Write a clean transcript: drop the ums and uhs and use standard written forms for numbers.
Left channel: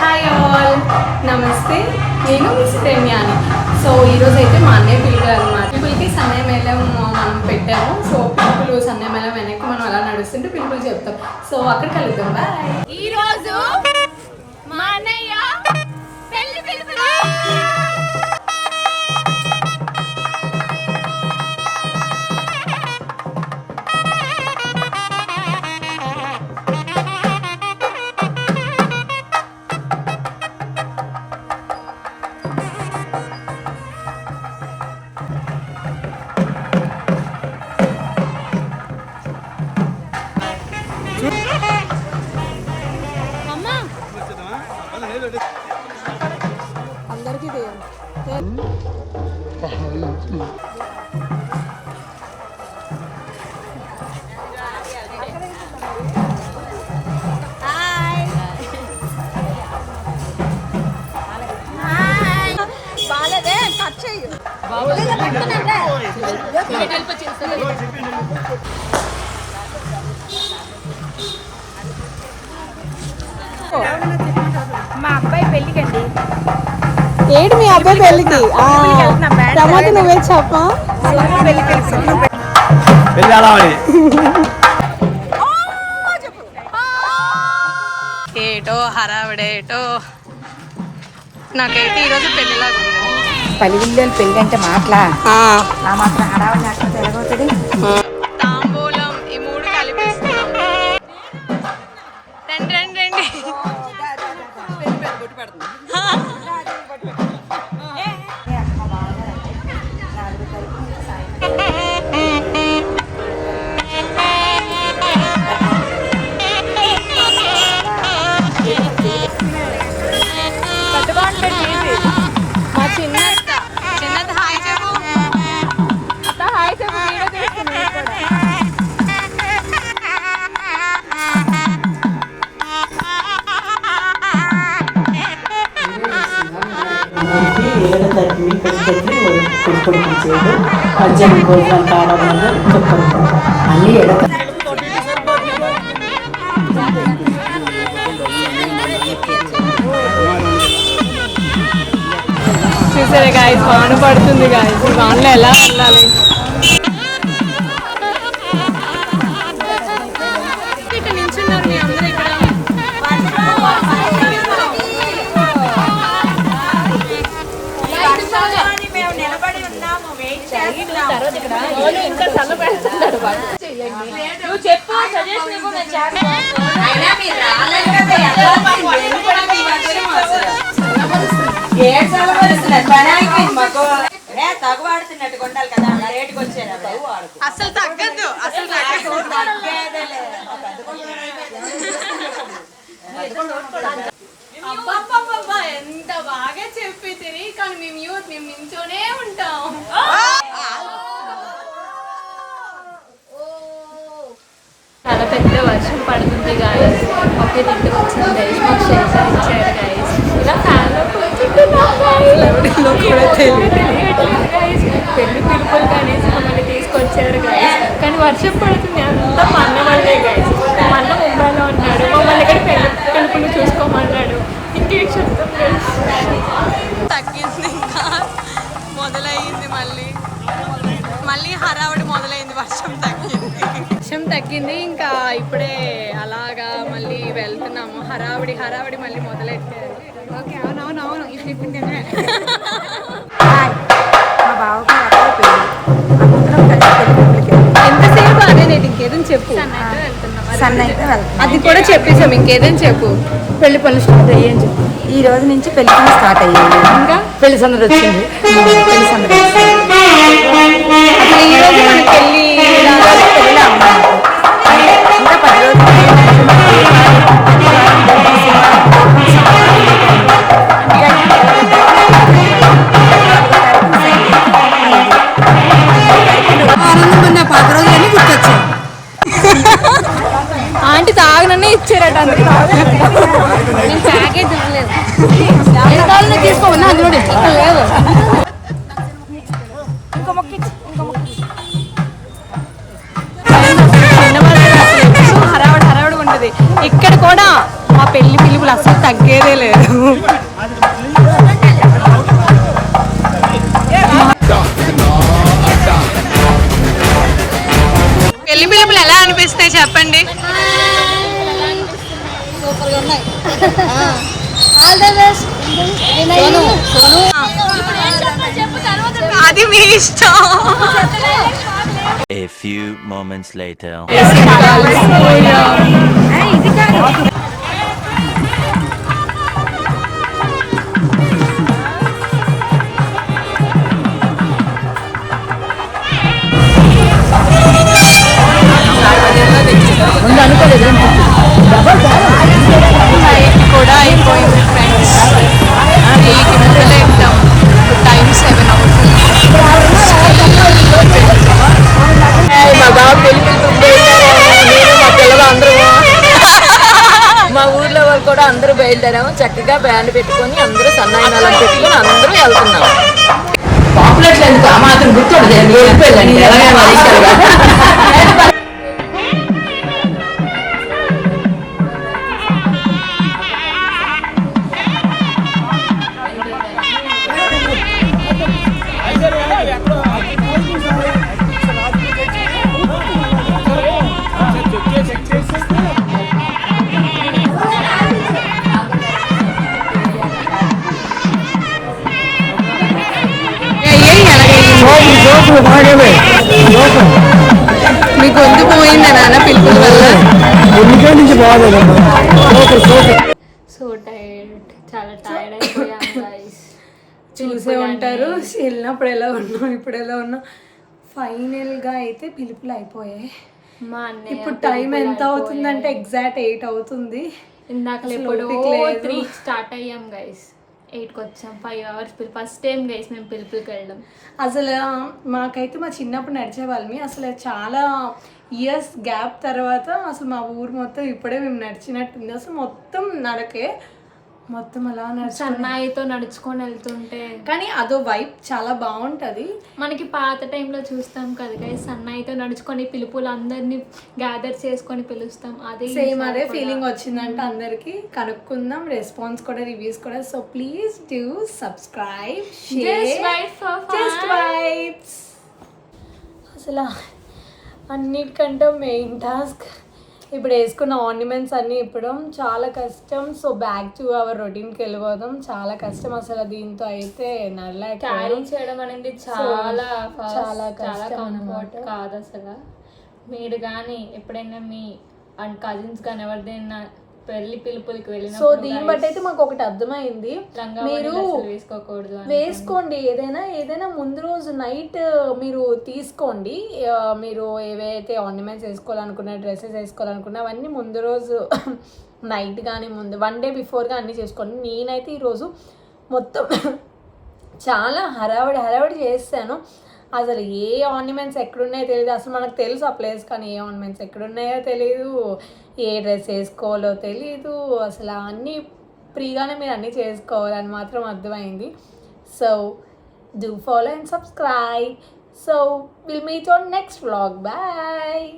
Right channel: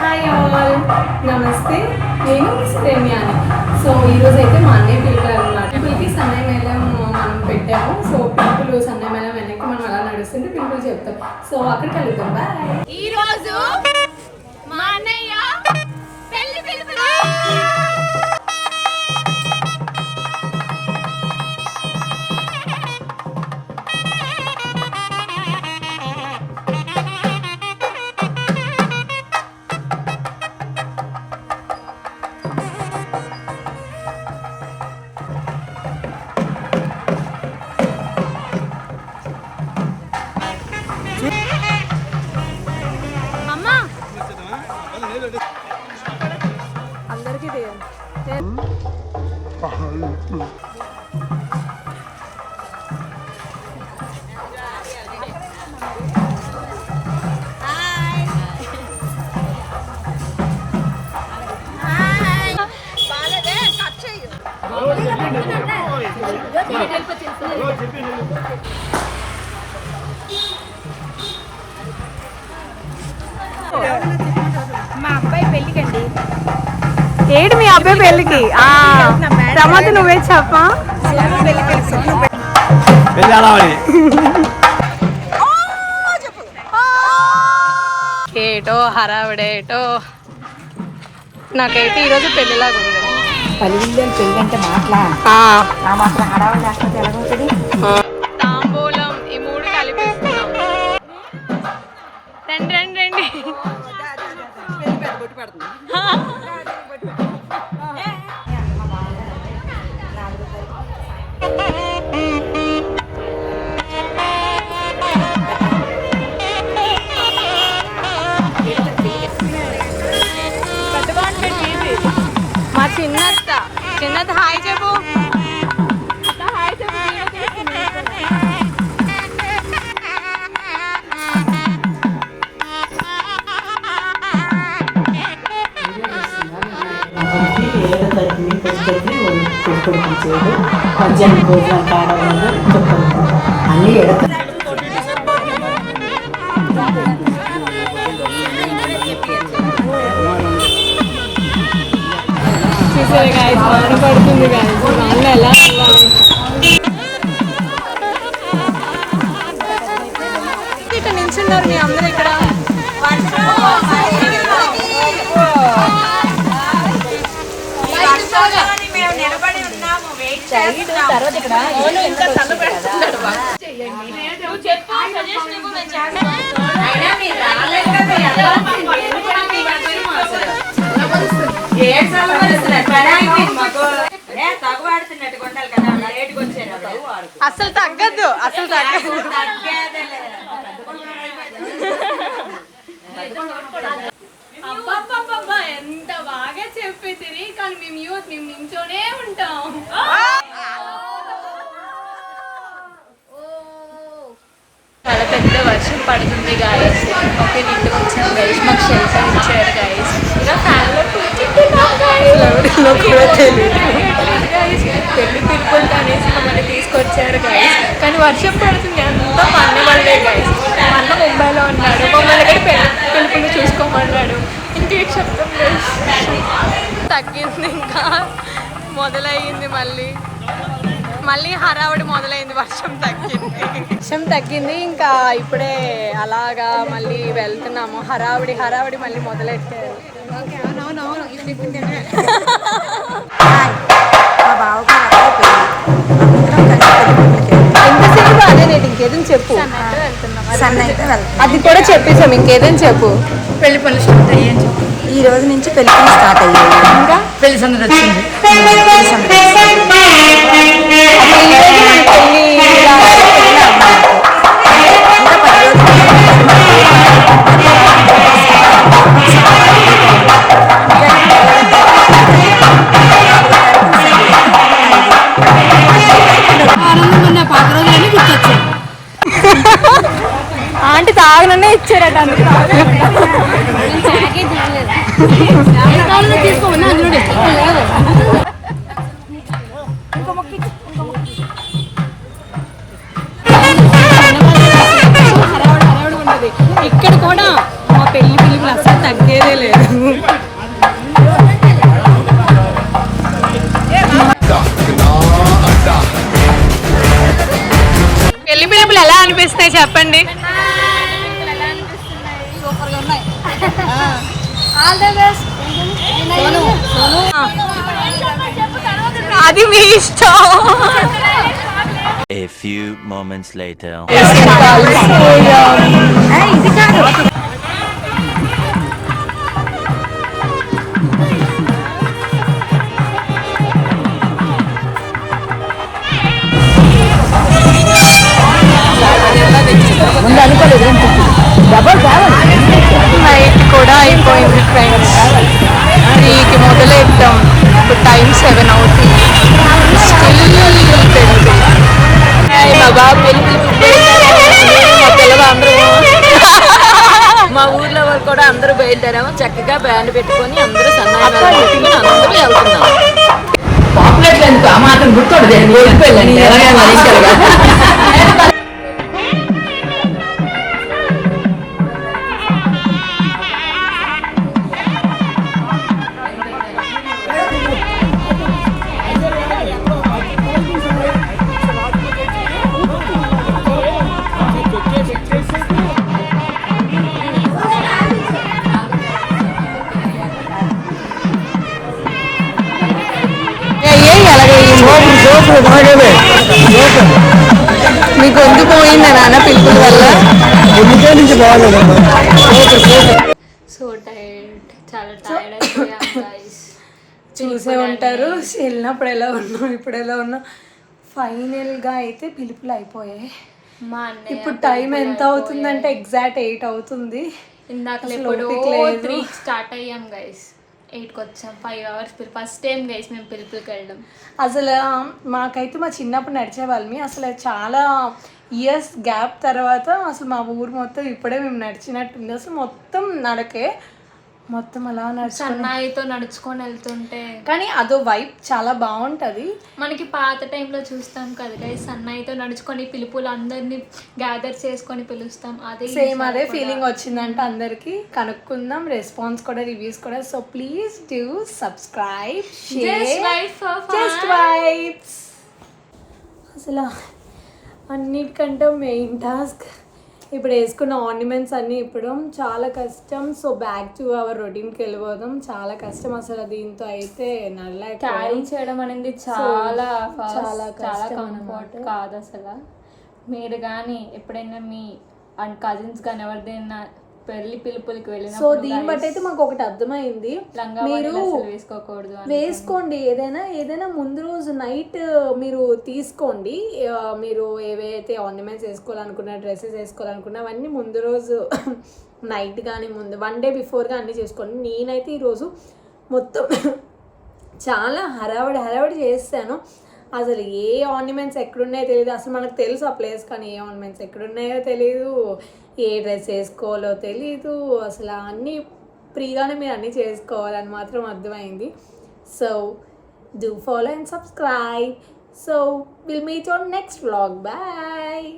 Hi all, నమస్తే. నేను శరణ్యాని. So ఈరోజు అయితే మా అన్నయ్య పిల్లలు అనమాట. పిల్లలకి సన్నయ్య మేళం మనం పెట్టాము. సో పిల్లలు సన్నయ్య మేళం వెనక్కి మనం అలా నడుస్తుంటే పిల్లలు చెప్తాం. సో అక్కడ కలుద్దాం. బాయ్. ఈరోజు మా అన్నయ్య పెళ్లి పిలుపులు. అందరికీ మా అబ్బాయి పెళ్ళికండి. ఏడు మీ అబ్బాయి పెళ్ళికి? తర్వాత నువ్వే చెప్పా. ఏటో హరావిడేటో నాకైతే ఈరోజు పెళ్ళిలాగా ఉంది. పలివిల్లు పెళ్ళి అంటే మాటలా మాత్రం హడావిడి లేకపోతే ఎలాగవుతుంది? తాంబూలం ఈ మూడు కలిపిస్తున్నాం. రండి రండి రండి. మా చిన్నది హాయ్ చెప్పు. హాయ్ చెప్పు. కొడుకు చేయడం మధ్యాహ్నం భోజనం కావడం వల్ల చెప్పండి అన్నీ చూసారే గాయస్, వాన పడుతుంది గాయస్. వానలో ఎలా వెళ్ళాలి? ఇక్కడ నిల్చున్నారు మీ అందరూ. ఇక్కడ నిలబడి ఉన్నాము, వెయిట్ చేస్తున్నాము. అసలు తగ్గద్దు, అసలు తగ్గదు. అబ్బా ఎంత బాగా చెప్పి తిరిగి. కానీ మేము యూత్, మేము నించోనే ఉంటాం. చాలా పెద్ద వర్షం పడుతుంది గాయస్. ఒకే ఇంటికి వచ్చింది గాయస్. మాకు షెల్టర్ ఇచ్చారు గాయస్. ఇలా ఫ్యాన్లో కూర్చుంటున్నాం కూడా తెలియదు. పెళ్లి పిలుపులు అనేసి మమ్మల్ని తీసుకొచ్చారు గాయస్. కానీ వర్షం పడుతుంది. అంతా మా అన్న వాళ్ళే గాయస్. మా అన్న ముంబైలో ఉన్నాడు. మమ్మల్ని ఇక్కడ పెళ్లి పిలుపులు చూసుకోమన్నాడు. ఇంకేంటి చెప్తాం గాయస్. తగ్గింది, ఇంకా మొదలయ్యింది. మళ్ళీ హడావిడి మొదలైంది. వర్షం తగ్గింది. ఇంకా ఇప్పుడే అలాగా మళ్ళీ వెళ్తున్నాము. హడావిడి మళ్ళీ మొదలెట్టారు. మా బావగారు అక్కడ పెళ్ళి అందరం కలిసి ఎంతసేపు అదే నేను ఇంకేదని చెప్పు. అది కూడా చెప్పేసాము. ఇంకేదని చెప్పు. పెళ్లి పనులు స్టార్ట్ అయ్యాయి అని చెప్పి ఈ రోజు నుంచి పెళ్లి పనులు స్టార్ట్ అయ్యాయి. ఇంకా పెళ్లి సందడి వచ్చింది. పెళ్లి సందడి అసలు ఈ రోజు మన పెళ్లి పెళ్ళి అన్నమాట. ఇంకా 10 రోజులు ఆనందం. 10 రోజులన్నీ గుర్తొచ్చాయి. ఆంటీ తాగననే ఇచ్చారట, అందుకే తీసుకోమన్నా అందులో లేదు. హడావుడి ఉంటుంది. ఇక్కడ కూడా మా పెళ్లి పిలుపులు అసలు తగ్గేదే లేదు. పెళ్లి పిలుపులు ఎలా అనిపిస్తాయి చెప్పండి. సూపర్గా ఉన్నాయి. అది మీ ఇష్టం. A few moments later. ముందు అనుకోలేదు డబల్ కావాలి. నైట్ కూడా అయిపోయింది ఫ్రెండ్స్. దీనికి మొదలెట్టాం. ఇప్పుడు టైం 7 అవుతుంది. మా బాబు పెళ్లి నేను మా పిల్లలు అందరూ మా ఊర్లో వాళ్ళు కూడా అందరూ బయలుదేరాము. చక్కగా బ్యాండ్ పెట్టుకొని అందరూ సన్నాయినాలను పెట్టుకొని అందరూ వెళ్తున్నాము. పాపులేట్లు ఎందుకు ఆ మాత్రం గుర్తుండదు. వెళ్ళిపోయిందండి. మీ గొంతు పోయిందా నాన్న పిలుపుల వల్ల? సో టైర్డ్, చాలా టైర్డ్ అయిపోయాం గైస్. చూసే ఉంటారు వెళ్ళినప్పుడు ఎలా ఉన్నాం, ఇప్పుడు ఎలా ఉన్నాం. ఫైనల్గా అయితే పిలుపులు అయిపోయాయి. మా అన్నయ్య ఇప్పుడు టైం ఎంత అవుతుందంటే ఎగ్జాక్ట్ 8 అవుతుంది. ఇందాక స్టార్ట్ అయ్యాం గైస్. 8కి వచ్చాం. 5 hours ఫస్ట్ టైం గైస్ మేము పిలుపులకి వెళ్ళడం. అసలు మాకైతే మా చిన్నప్పుడు నడిచేవాళ్ళమి. అసలు చాలా ఇయర్స్ గ్యాప్ తర్వాత అసలు మా ఊరు మొత్తం ఇప్పుడే మేము నడిచినట్టుంది. అసలు మొత్తం నడకే, మొత్తం అలా సన్నాయితో నడుచుకొని వెళ్తుంటే కానీ అదో వైబ్ చాలా బాగుంటుంది. మనకి పాత టైంలో చూస్తాం కదా గైస్, సన్నాయితో నడుచుకొని పిలుపులు అందరినీ గ్యాదర్ చేసుకొని పిలుస్తాం. అదే సేమ్ అదే ఫీలింగ్ వచ్చిందంట అందరికి. కనుక్కుందాం, రెస్పాన్స్ కూడా, రివ్యూస్ కూడా. So please do subscribe, just vibes. అసలు అన్నిటికంటే మెయిన్ టాస్క్ ఇప్పుడు వేసుకున్న ఆర్నమెంట్స్ అన్నీ ఇప్పడం చాలా కష్టం. సో బ్యాక్ టు అవర్ రొటీన్కి వెళ్ళిపోదాం. చాలా కష్టం అసలు. దీంతో అయితే క్యారీ చేయడం అనేది చాలా చాలా కంఫర్ట్ కాదు అసలు. మీరు కానీ ఎప్పుడైనా మీ కజిన్స్ కానీ ఎవరిదైనా పెళ్లి పిలుపులకి వెళ్ళిన సో దీన్ని బట్టి అయితే మాకు ఒకటి అర్థమైంది, మీరు వేసుకోండి ఏదైనా ముందు రోజు నైట్ మీరు తీసుకోండి. మీరు ఏవైతే ఆర్నమెంట్స్ వేసుకోవాలనుకున్నా, డ్రెస్సెస్ వేసుకోవాలనుకున్నా అవన్నీ ముందు రోజు నైట్ కానీ ముందు 1 day బిఫోర్గా అన్నీ చేసుకోండి. నేనైతే ఈరోజు మొత్తం చాలా హడావిడి చేస్తాను. అసలు ఏ ఆర్నమెంట్స్ ఎక్కడున్నాయో తెలియదు. అసలు మనకు తెలుసు ఆ ప్లేస్, కానీ ఏ ఆర్నమెంట్స్ ఎక్కడున్నాయో తెలియదు, ఏ డ్రెస్ వేసుకోవాలో తెలీదు. అసలు అన్నీ ఫ్రీగానే మీరు అన్నీ చేసుకోవాలని మాత్రం అర్థమైంది. So do follow and subscribe. So will meet on next vlog. Bye.